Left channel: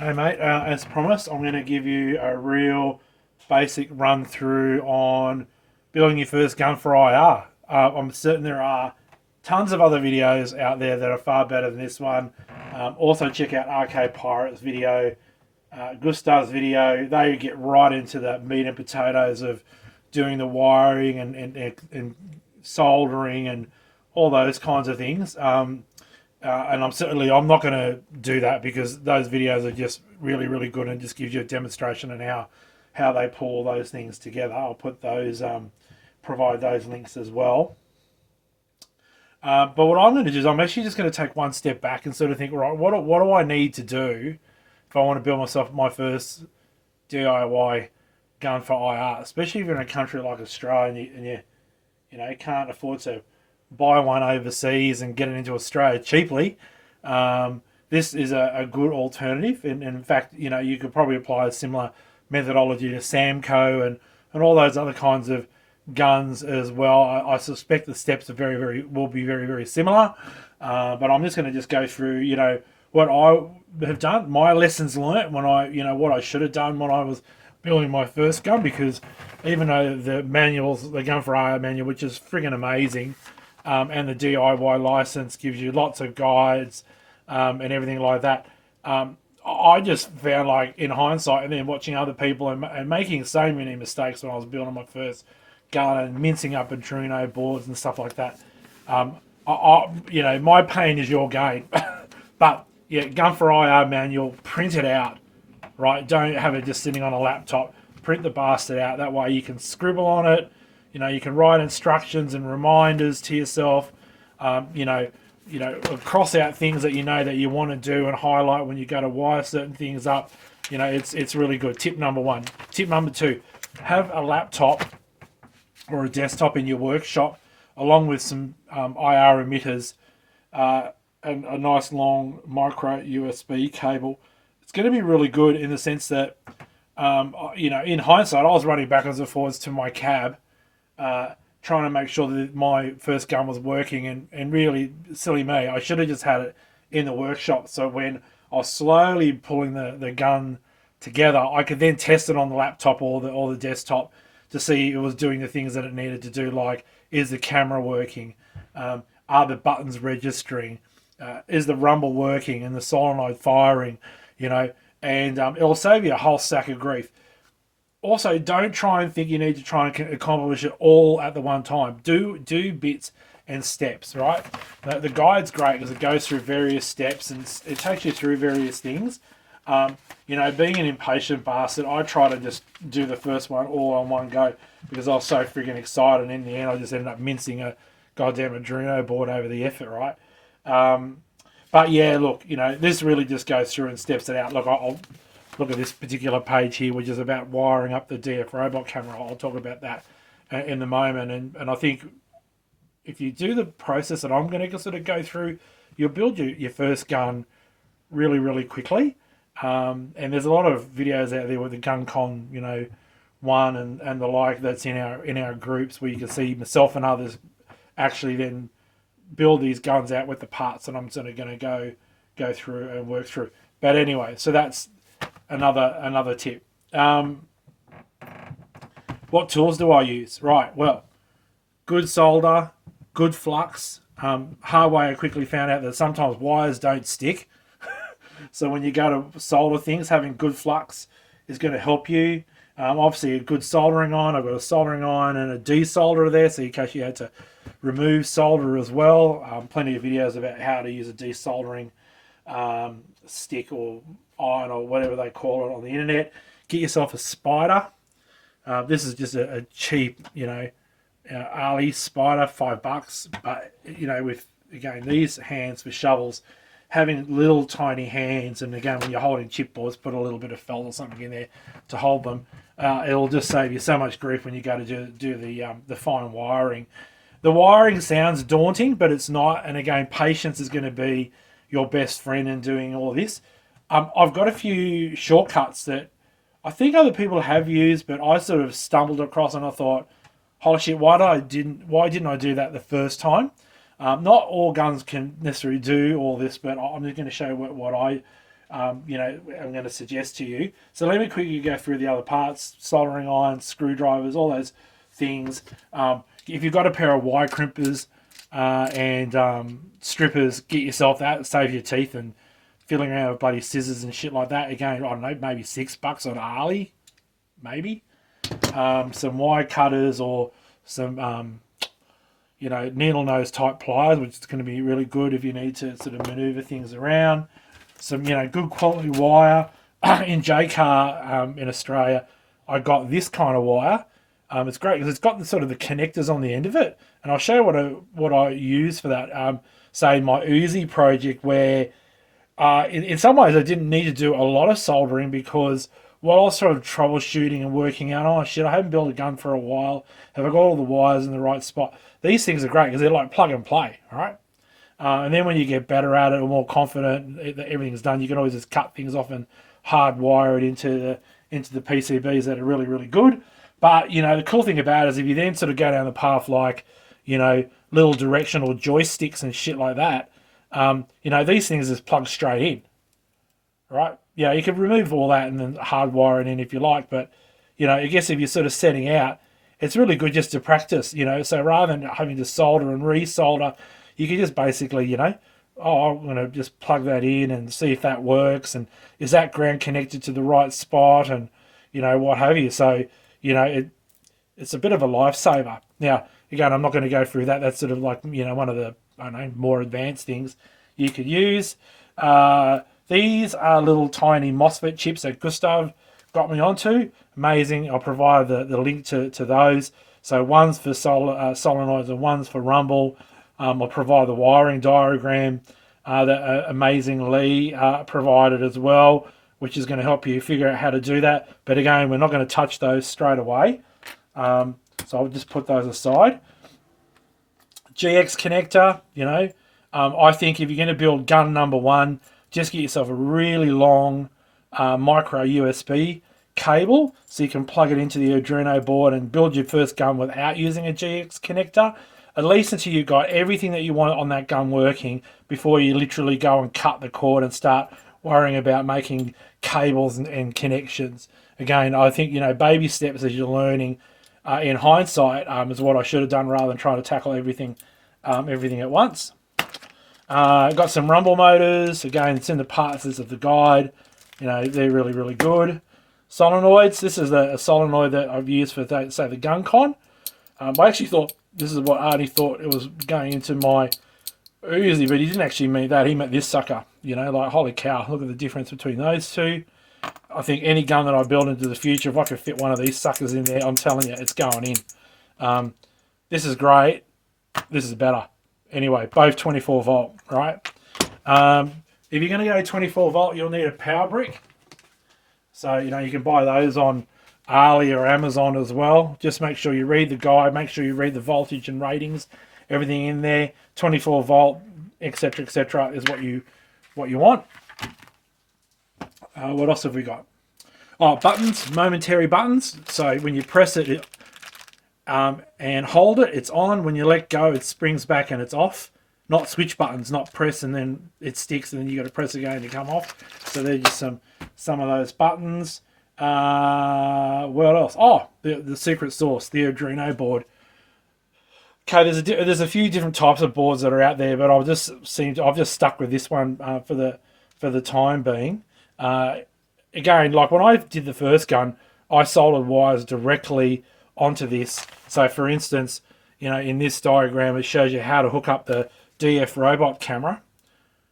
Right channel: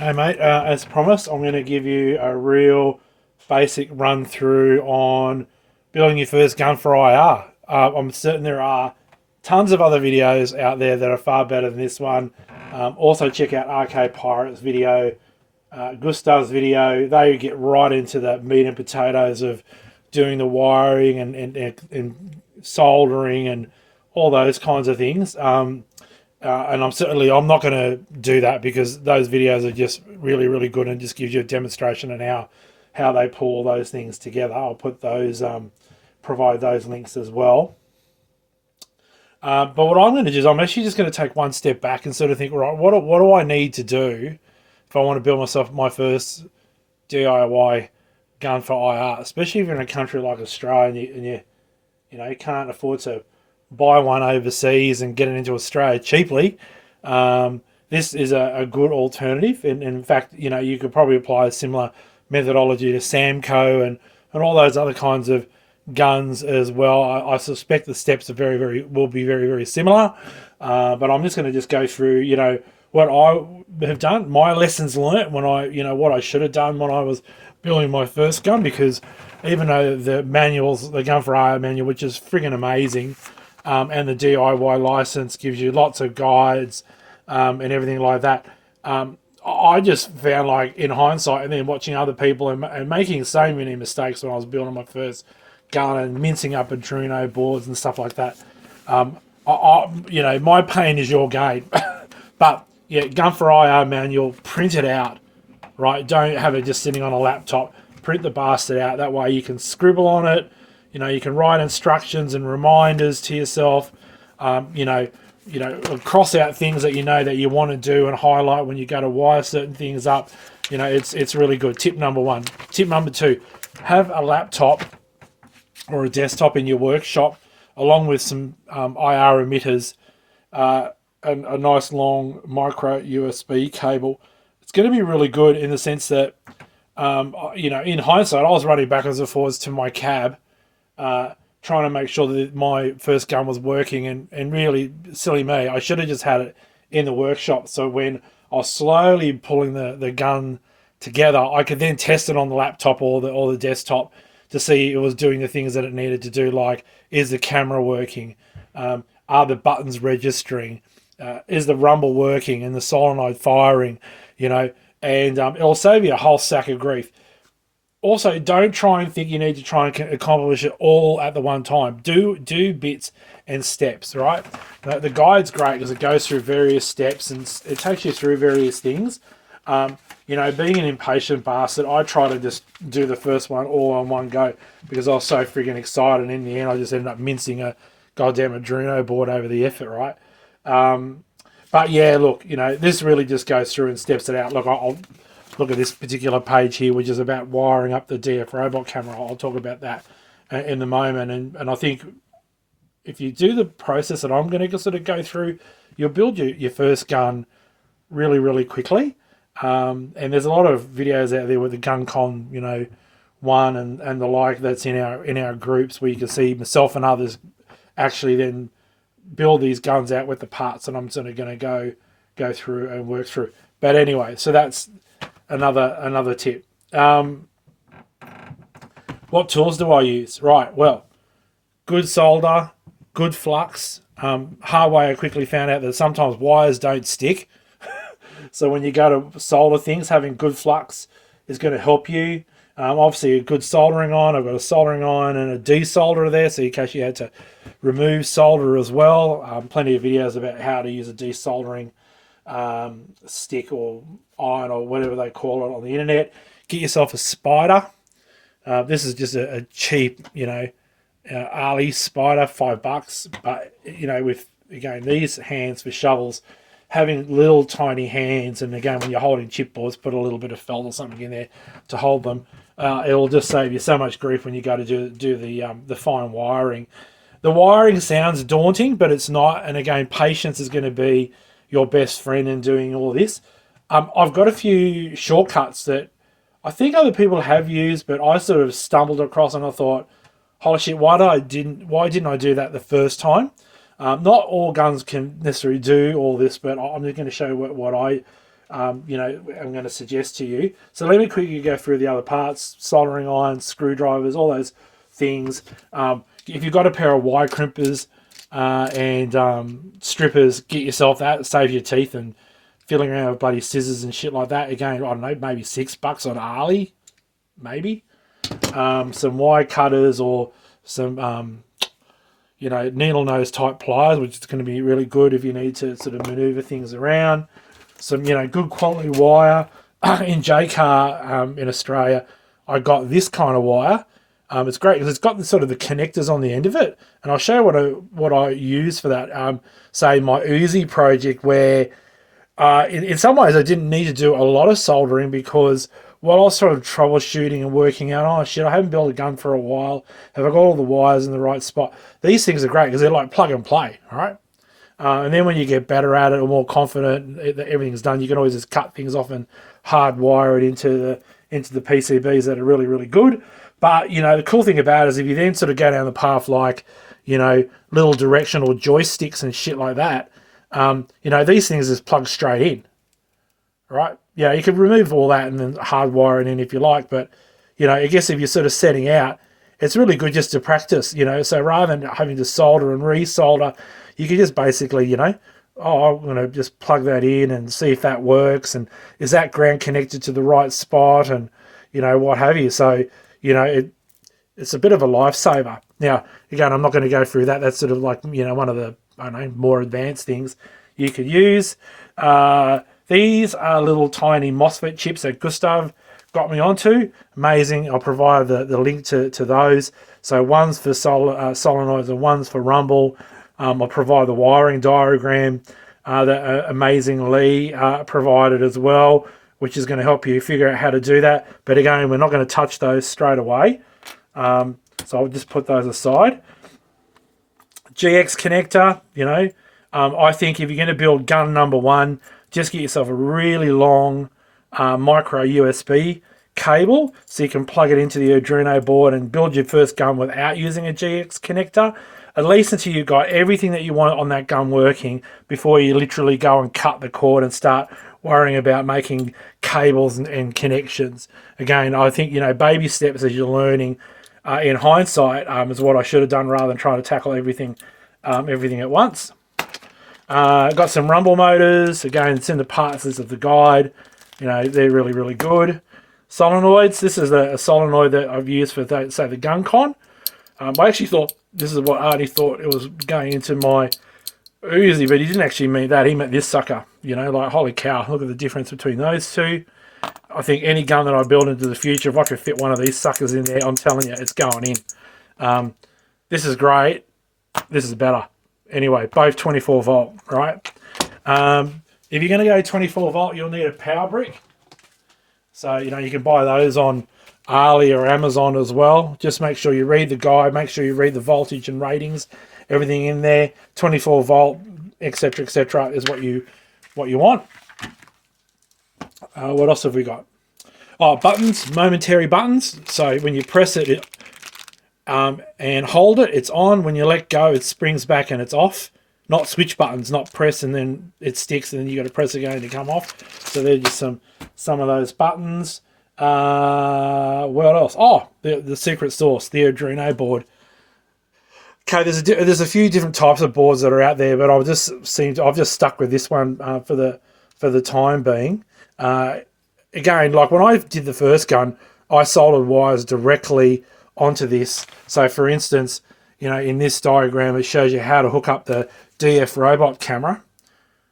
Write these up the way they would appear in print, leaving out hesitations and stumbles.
Hey mate, as promised, I'm going to give you a real basic run through on building your first gun for IR. I'm certain there are tons of other videos out there that are far better than this one. Also, check out RK Pirate's video, Gustav's video. They get right into the meat and potatoes of doing the wiring and soldering and all those kinds of things. And I'm not going to do that because those videos are just really good and just gives you a demonstration on how they pull those things together. I'll put those provide those links as well. But what I'm going to do is I'm actually just going to take one step back and sort of think, right, what do I need to do if I want to build myself my first DIY gun for IR, especially if you're in a country like Australia and you can't afford to buy one overseas and get it into Australia cheaply. This is a good alternative, and in fact, you could probably apply a similar methodology to Samco and all those other kinds of guns as well. I suspect the steps are will be very similar, but I'm just going to just go through what I have done, my lessons learnt when what I should have done when I was building my first gun, because even though the manuals, the Gun for IR manual, which is friggin' amazing, and the DIY license gives you lots of guides and everything like that. I just found, like, in hindsight and then watching other people and making so many mistakes when I was building my first gun and mincing up Arduino boards and stuff like that. My pain is your gain. But yeah, Gun for IR manual, print it out, right? Don't have it just sitting on a laptop. Print the bastard out. That way you can scribble on it. You can write instructions and reminders to yourself. Cross out things that that you want to do and highlight when you go to wire certain things up. It's really good. Tip number one. Tip number two: have a laptop or a desktop in your workshop, along with some IR emitters, and a nice long micro USB cable. It's going to be really good in the sense that, in hindsight, I was running backwards and forwards to my cab, trying to make sure that my first gun was working, and really, silly me, I should have just had it in the workshop. So when I was slowly pulling the gun together, I could then test it on the laptop or the desktop to see it was doing the things that it needed to do, like, is the camera working? Are the buttons registering? Is the rumble working and the solenoid firing? And it'll save you a whole sack of grief. Also, don't try and think you need to try and accomplish it all at the one time. Do bits and steps, right? The guide's great because it goes through various steps and it takes you through various things. Being an impatient bastard, I try to just do the first one all on one go because I was so friggin' excited, and in the end I just ended up mincing a goddamn Arduino board over the effort, right? But yeah, look, this really just goes through and steps it out. Look, I'll look at this particular page here, which is about wiring up the DF robot camera. I'll talk about that in a moment. And I think if you do the process that I'm going to sort of go through, you'll build your first gun really quickly. And there's a lot of videos out there with the GunCon, one and the like, that's in our groups, where you can see myself and others actually then build these guns out with the parts that I'm sort of going to go through and work through. But anyway, so that's another tip. What tools do I use? Right, well, good solder, good flux. Hard way, I quickly found out that sometimes wires don't stick. So when you go to solder things, having good flux is going to help you. Obviously, a good soldering iron. I've got a soldering iron and a desolderer there, so in case you had to remove solder as well. Plenty of videos about how to use a desoldering stick or iron or whatever they call it on the internet. Get yourself a spider. This is just a cheap, Ali spider, $5. But with, again, these hands for shovels, having little tiny hands, and again, when you're holding chipboards, put a little bit of felt or something in there to hold them. It'll just save you so much grief when you go to do the fine wiring. The wiring sounds daunting, but it's not. And again, patience is going to be your best friend in doing all this. I've got a few shortcuts that I think other people have used, but I sort of stumbled across and I thought, holy shit, why didn't I do that the first time? Not all guns can necessarily do all this, but I'm just going to show you what I you know, I'm going to suggest to you. So let me quickly go through the other parts: soldering irons, screwdrivers, all those things. If you've got a pair of wire crimpers and strippers, get yourself that. Save your teeth and fiddling around with bloody scissors and shit like that. Again, I don't know, maybe $6 on Ali, maybe. Some wire cutters or some you know, needle nose type pliers, which is going to be really good if you need to sort of maneuver things around. Some, you know, good quality wire. In JCar in Australia, I got this kind of wire. It's great because it's got the sort of the connectors on the end of it, and I'll show you what I use for that. Say my Uzi project, where in some ways I didn't need to do a lot of soldering because while I was sort of troubleshooting and working out, oh shit, I haven't built a gun for a while. Have I got all the wires in the right spot? These things are great because they're like plug and play, all right? And then when you get better at it or more confident that everything's done, you can always just cut things off and hardwire it into the PCBs that are really, really good. But, you know, the cool thing about it is if you then sort of go down the path like, you know, little directional joysticks and shit like that, you know, these things just plug straight in, right? Yeah, you can remove all that and then hardwire it in if you like. But, you know, I guess if you're sort of setting out, it's really good just to practice, you know. So rather than having to solder and resolder, you can just basically, you know, oh, I'm going to just plug that in and see if that works. And is that ground connected to the right spot and, you know, what have you. So, you know, it's a bit of a lifesaver. Now, again, I'm not going to go through that. That's sort of like, you know, one of the, I don't know, more advanced things you could use. These are little tiny MOSFET chips that Gustav got me onto. Amazing. I'll provide the link to those. So one's for solenoids and one's for rumble. I'll provide the wiring diagram that amazing Lee provided as well, which is going to help you figure out how to do that. But again, we're not going to touch those straight away. So I'll just put those aside. GX connector, you know, I think if you're going to build gun number one, just get yourself a really long micro USB cable so you can plug it into the Arduino board and build your first gun without using a GX connector, at least until you've got everything that you want on that gun working before you literally go and cut the cord and start worrying about making cables and connections. Again, I think, you know, baby steps as you're learning in hindsight is what I should have done rather than trying to tackle everything at once. Got some rumble motors. Again, it's in the parts of the guide. You know, they're really, really good. Solenoids. This is a solenoid that I've used for, say, the gun con. I actually thought this is what Artie thought it was going into my Uzi, but he didn't actually mean that. He meant this sucker. You know, like, holy cow, look at the difference between those two. I think any gun that I build into the future, if I could fit one of these suckers in there, I'm telling you, it's going in. This is great. This is better. Anyway, both 24 volt, right? If you're going to go 24 volt, you'll need a power brick. So, you know, you can buy those on Ali or Amazon as well. Just make sure you read the guide, make sure you read the voltage and ratings, everything in there. 24 volt, etc., is what you want. What else have we got? Oh, buttons, momentary buttons. So when you press it and hold it, it's on. When you let go, it springs back and it's off. Not switch buttons, not press and then it sticks and then you got to press again to come off. So there's just some of those buttons. What else? Oh, the secret sauce, the Arduino board. Okay, there's a few different types of boards that are out there, but I've just stuck with this one for the time being. Again, like when I did the first gun, I soldered wires directly onto this. So for instance, you know, in this diagram, it shows you how to hook up the DF robot camera,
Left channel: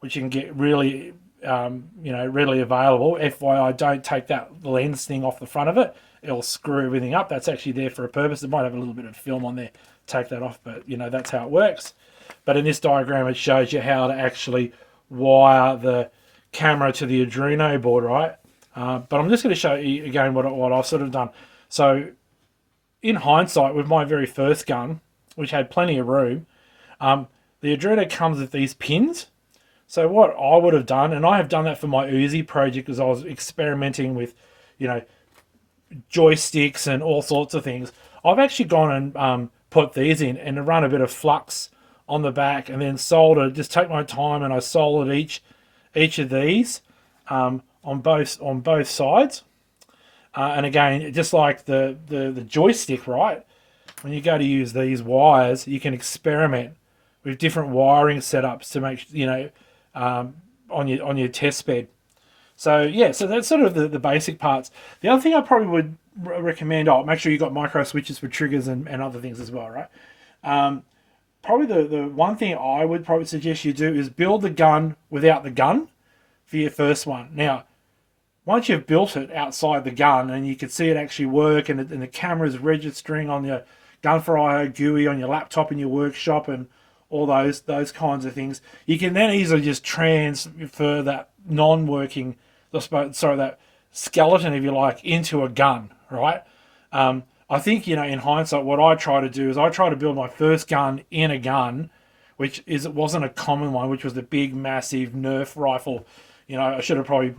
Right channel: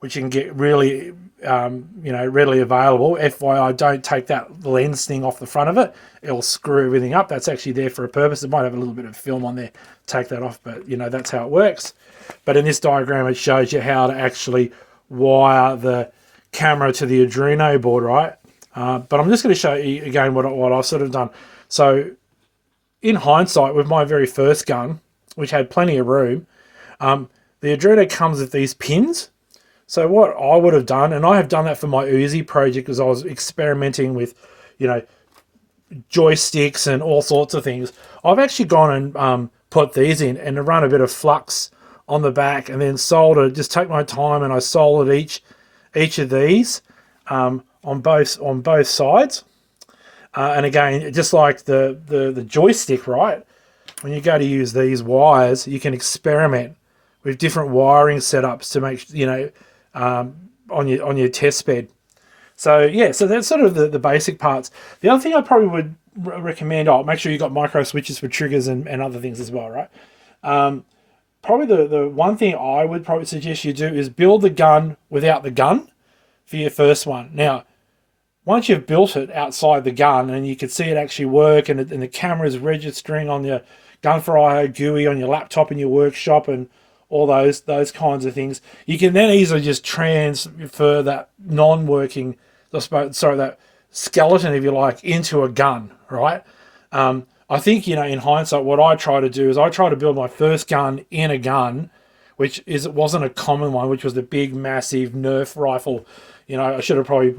which you can get really, you know, readily available. FYI, don't take that lens thing off the front of it. It'll screw everything up. That's actually there for a purpose. It might have a little bit of film on there. Take that off, but you know, that's how it works. But in this diagram, it shows you how to actually wire the camera to the Arduino board, right? But I'm just going to show you again what I've sort of done. So in hindsight, with my very first gun, which had plenty of room, the Arduino comes with these pins. So what I would have done, and I have done that for my Uzi project because I was experimenting with, you know, joysticks and all sorts of things. I've actually gone and put these in and run a bit of flux on the back and then soldered, just take my time and I soldered each of these on both sides. And again, just like the joystick, right? When you go to use these wires, you can experiment with different wiring setups to make, on your test bed. So yeah, so that's sort of the basic parts. The other thing I probably would recommend, make sure you've got micro switches for triggers and other things as well, right? Probably the one thing I would probably suggest you do is build the gun without the gun for your first one. Now, once you've built it outside the gun and you can see it actually work, and the camera's registering on your gun4ir GUI on your laptop in your workshop and all those kinds of things, you can then easily just transfer that non-working, that skeleton, if you like, into a gun, right? I think, in hindsight, what I try to do is I try to build my first gun in a gun, it wasn't a common one, which was the big, massive Nerf rifle. I should have probably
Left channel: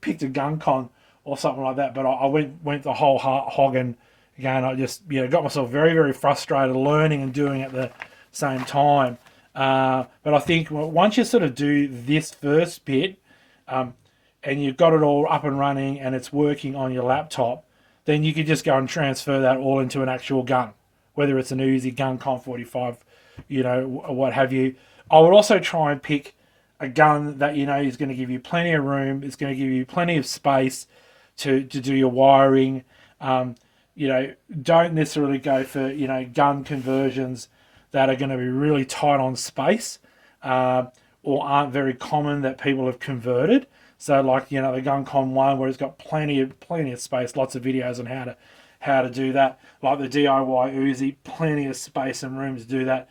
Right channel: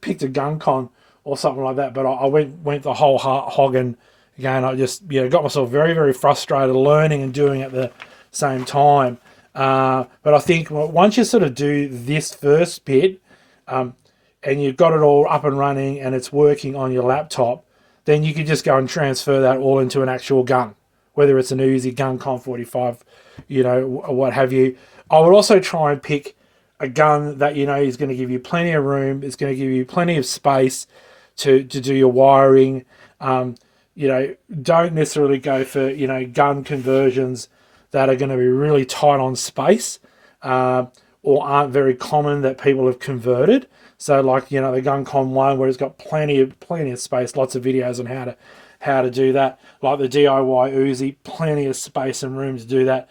picked a gun con or something like that, but I went the whole hog, and again, I just got myself very, very frustrated learning and doing at the same time. But I think once you sort of do this first bit, and you've got it all up and running and it's working on your laptop, then you can just go and transfer that all into an actual gun, whether it's an Uzi, gun4ir, what have you. I would also try and pick a gun that is going to give you plenty of room, it's going to give you plenty of space to do your wiring. Don't necessarily go for gun conversions that are going to be really tight on space, or aren't very common that people have converted. So like the GunCon one, where it's got plenty of space, lots of videos on how to do that. Like the DIY Uzi, plenty of space and room to do that.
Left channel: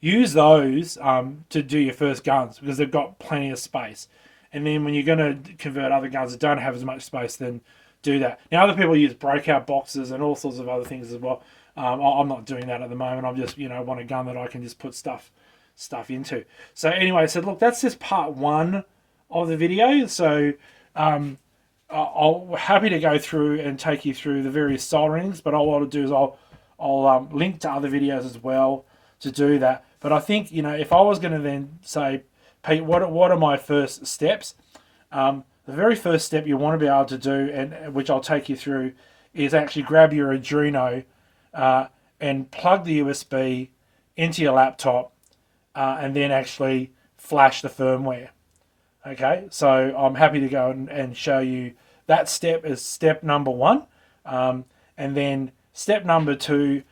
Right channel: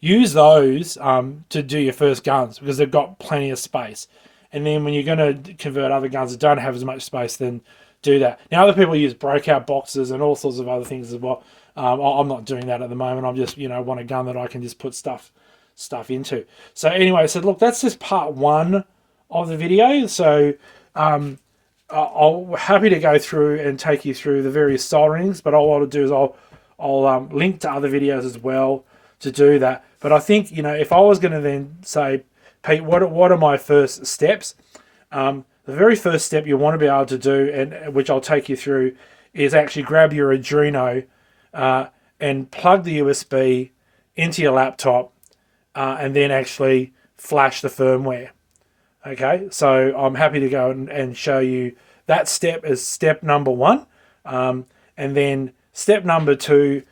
Use those to do your first guns, because they've got plenty of space. And then when you're going to convert other guns that don't have as much space, then do that. Now, other people use breakout boxes and all sorts of other things as well. I'm not doing that at the moment. I'm just, want a gun that I can just put stuff into. So anyway, so look, that's just part one of the video. So I'll happy to go through and take you through the various solderings, but all I'll do is I'll link to other videos as well to do that. But I think, if I was going to then say, Pete, what are my first steps? The very first step you want to be able to do, and which I'll take you through, is actually grab your Arduino and plug the USB into your laptop, and then actually flash the firmware. Okay, so I'm happy to go and show you that step as step number one. And then step number two,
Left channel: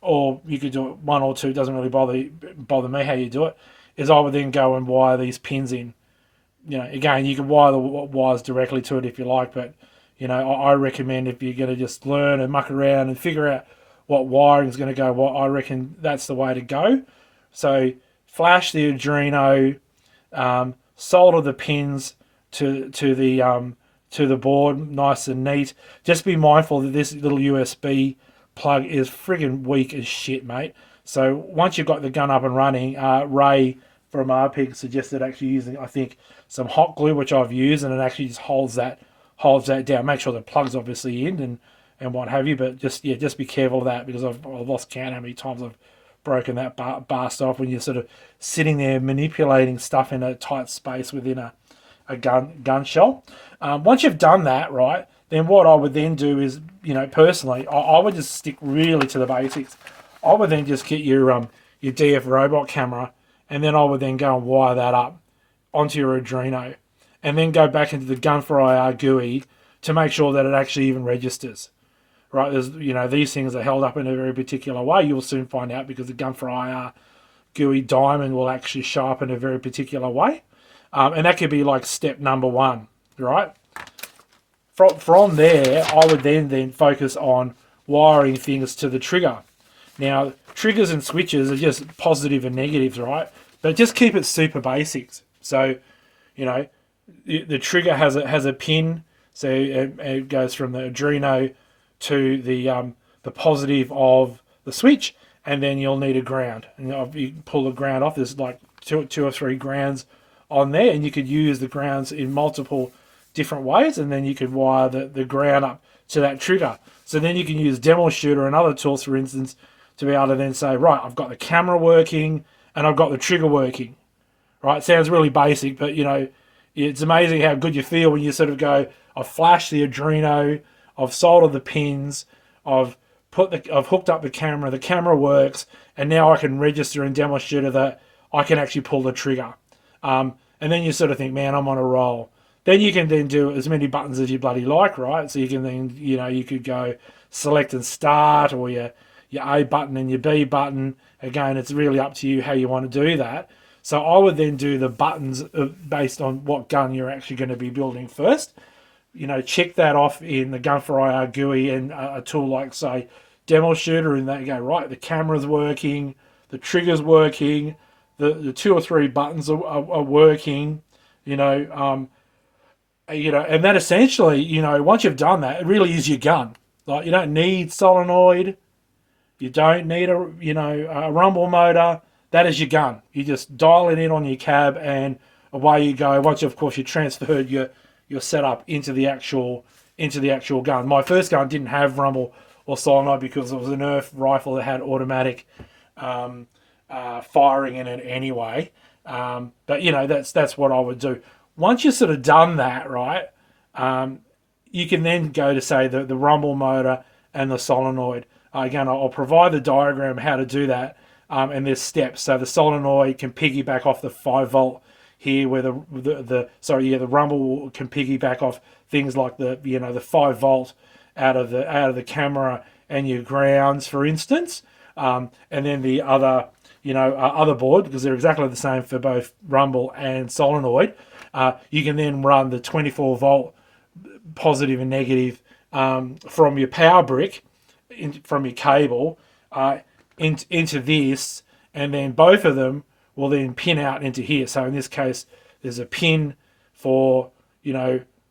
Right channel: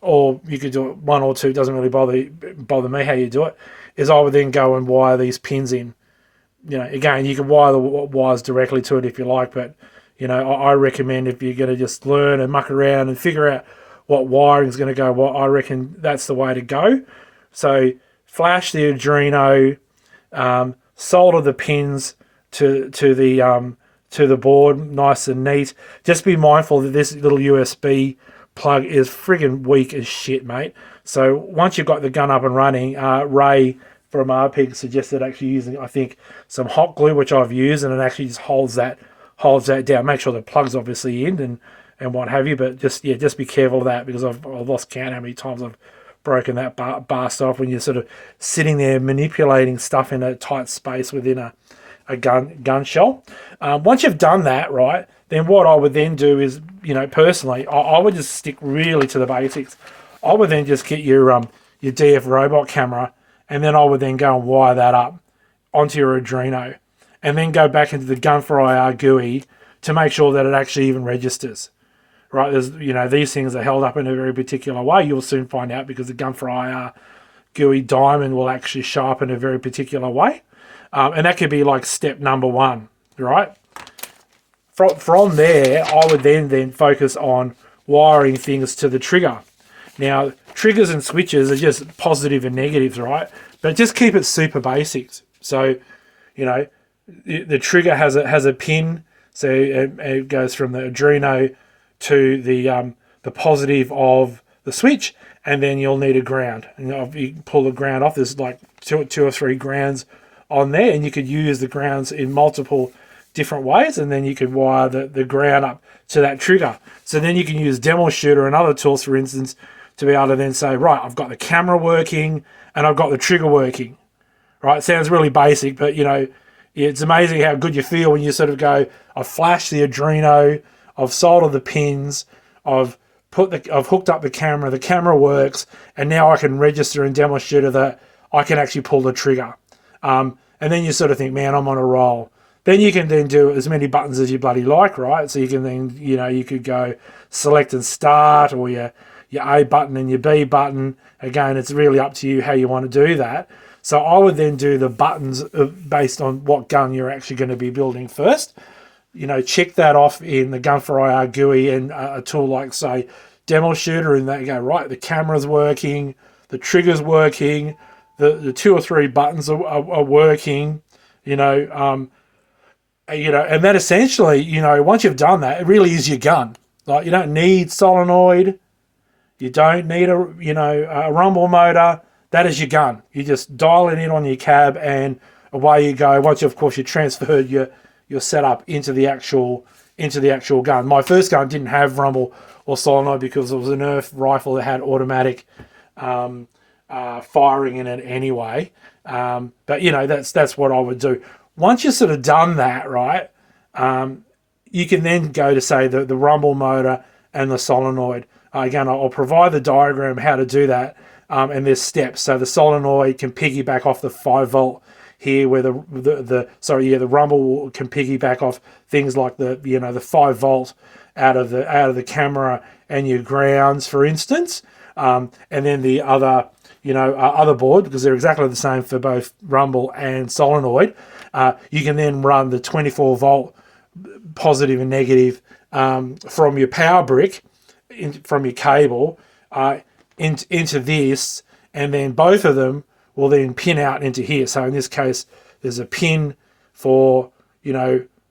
or you could do it one or two, doesn't really bother me how you do it, is I would then go and wire these pins in. Again, you can wire the wires directly to it if you like, but, I recommend if you're going to just learn and muck around and figure out what wiring is going to go, I reckon that's the way to go. So flash the Arduino, solder the pins to the board, nice and neat. Just be mindful that this little USB plug is friggin' weak as shit, mate. So once you've got the gun up and running, Ray from RPIG suggested actually using, I think, some hot glue, which I've used, and it actually just holds that down. Make sure the plug's obviously in and what have you, but just be careful of that, because I've lost count how many times I've broken that bast off when you're sort of sitting there manipulating stuff in a tight space within a gun shell. Once you've done that, right, then what I would then do is, personally, I would just stick really to the basics. I would then just get your DF robot camera, and then I would then go and wire that up onto your Arduino, and then go back into the gun4ir GUI to make sure that it actually even registers. Right, there's these things are held up in a very particular way. You'll soon find out, because the gun4ir GUI diamond will actually show up in a very particular way, and that could be like step number one. Right. From there, I would then focus on wiring things to the trigger. Now, triggers and switches are just positive and negatives, right? But just keep it super basics. So, the trigger has a pin, so it goes from the Arduino to the positive of the switch, and then you'll need a ground. And you pull the ground off. There's like two or three grounds on there, and you could use the grounds in multiple different ways, and then you could wire the ground up to that trigger. So then you can use Demo Shooter and other tools, for instance, to be able to then say, right, I've got the camera working and I've got the trigger working. Right, sounds really basic, but it's amazing how good you feel when you sort of go, I've flashed the Arduino, I've soldered the pins, I've hooked up the camera works, and now I can register and demonstrate that I can actually pull the trigger. And then you sort of think, man, I'm on a roll. Then you can then do as many buttons as you bloody like, right? So you can then, you could go select and start, or your A button and your B button. Again, it's really up to you how you want to do that. So I would then do the buttons based on what gun you're actually going to be building first. Check that off in the gun4ir GUI and a tool like, say, Demo Shooter, and they go, right, the camera's working, the trigger's working, the 2 or 3 buttons are working, and that essentially, once you've done that, it really is your gun. Like, you don't need solenoid, you don't need a rumble motor. That is your gun. You just dial it in on your cab and away you go. Once of course you transferred your setup into the actual gun. My first gun didn't have rumble or solenoid because it was an Nerf rifle that had automatic firing in it anyway. But that's what I would do. Once you've sort of done that, right, you can then go to, say, the rumble motor and the solenoid. Again, I'll provide the diagram how to do that, and there's steps. So the solenoid can piggyback off the 5-volt here, where the rumble can piggyback off things like the 5-volt out of the camera and your grounds, for instance, and then the other other board, because they're exactly the same for both rumble and solenoid. You can then run the 24-volt positive and negative from your power brick, from your cable, into this, and then both of them will then pin out into here. So in this case, there's a pin for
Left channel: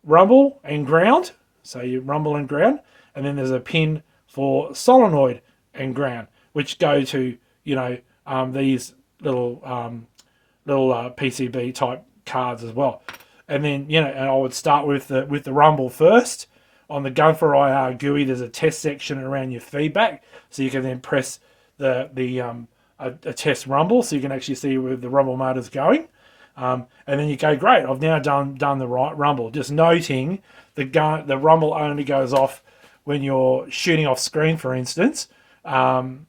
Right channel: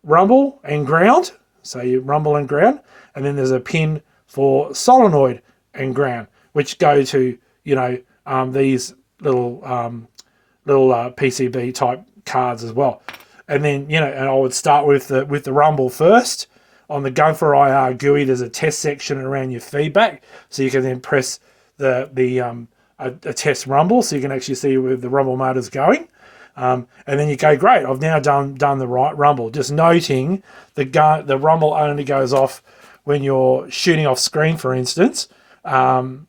rumble and ground, so you rumble and ground, and then there's a pin for solenoid and ground, which go to these little PCB type cards as well. And then and I would start with the rumble first. On the gun4ir GUI, there's a test section around your feedback, so you can then press a test rumble, so you can actually see where the rumble motor's going. And then you go, great, I've now done the right rumble. Just noting the rumble only goes off when you're shooting off screen, for instance, or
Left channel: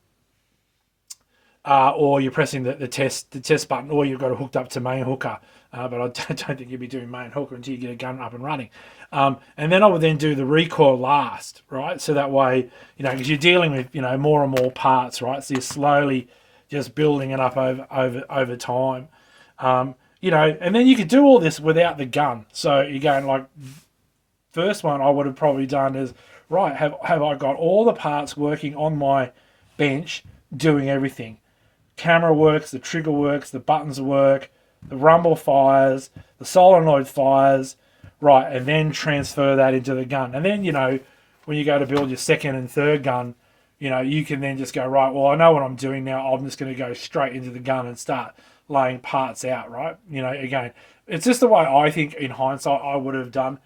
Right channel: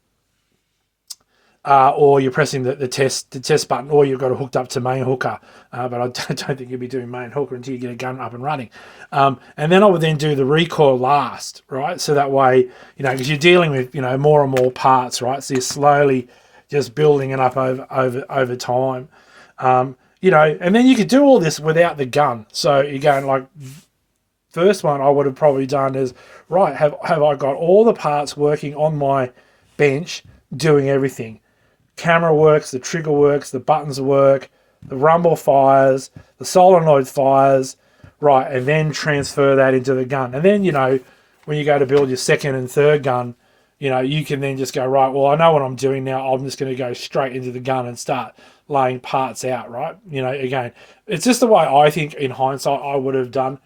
you're pressing the test button, or you've got it hooked up to main hooker. But I don't think you'll be doing main hooker until you get a gun up and running. And then I would then do the recoil last, right? So that way, because you're dealing with more and more parts, right? So you're slowly just building it up over time. And then you could do all this without the gun. So you're going, like, first one I would have probably done is, right, have I got all the parts working on my bench doing everything? Camera works, the trigger works, the buttons work, the rumble fires, the solenoid fires, right, and then transfer that into the gun. And then, when you go to build your second and third gun, you can then just go, right, well, I know what I'm doing now. I'm just going to go straight into the gun and start laying parts out, right? Again, it's just the way I think in hindsight I would have done.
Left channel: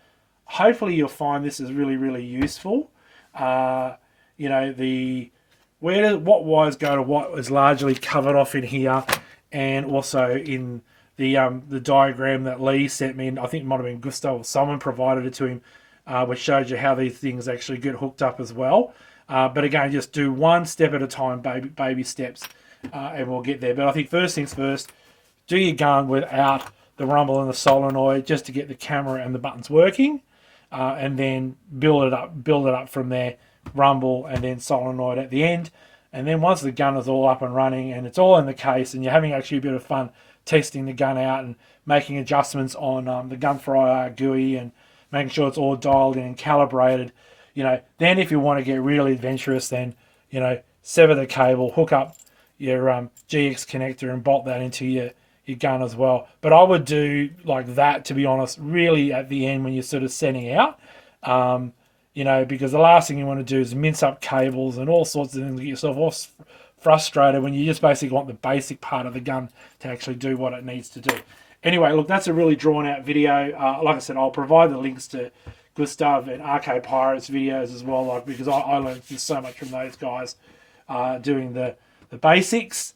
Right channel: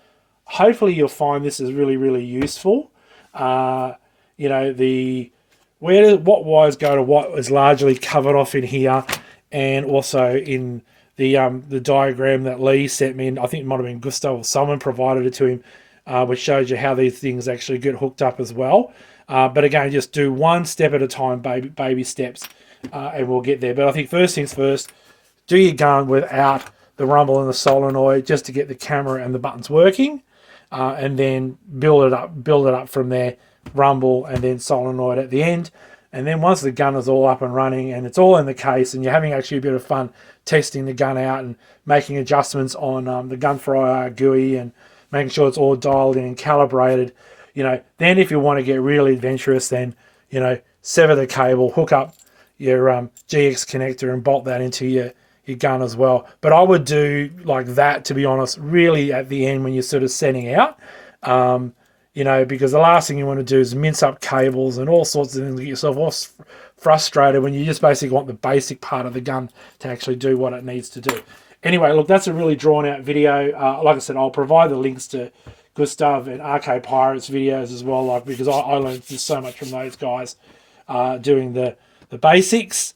Hopefully you'll find this is really, really useful. What wires go to what is largely covered off in here, and also in the diagram that Lee sent me, and I think it might have been Gustav or someone provided it to him, which shows you how these things actually get hooked up as well. But again, just do one step at a time, baby steps, and we'll get there. But I think first things first, do your gun without the rumble and the solenoid, just to get the camera and the buttons working, and then build it up from there, rumble and then solenoid at the end. And then once the gun is all up and running and it's all in the case, and you're having actually a bit of fun testing the gun out and making adjustments on the gun4ir GUI and making sure it's all dialed in and calibrated, then if you want to get really adventurous, then, sever the cable, hook up your GX connector and bolt that into your gun as well. But I would do like that, to be honest, really at the end when you're sort of setting out, because the last thing you want to do is mince up cables and all sorts of things, get yourself all frustrated when you just basically want the basic part of the gun to actually do what it needs to do. Anyway, look, that's a really drawn out video. Like I said, I'll provide the links to Gustav and Arcade Pirates videos as well, because I learned just so much from those guys doing the basics.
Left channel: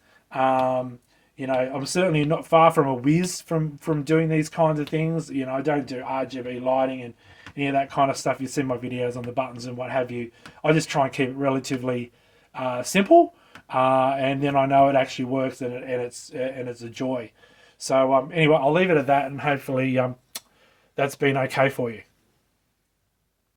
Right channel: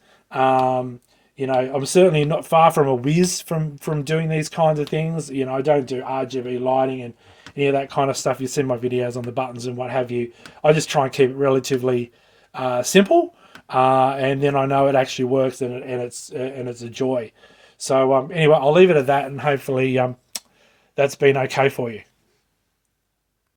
You know, I'm certainly not far from a whiz from doing these kinds of things. You know, I don't do RGB lighting and any of that kind of stuff. You see my videos on the buttons and what have you. I just try and keep it relatively simple, and then I know it actually works, and it's a joy. So anyway, I'll leave it at that, and hopefully that's been okay for you.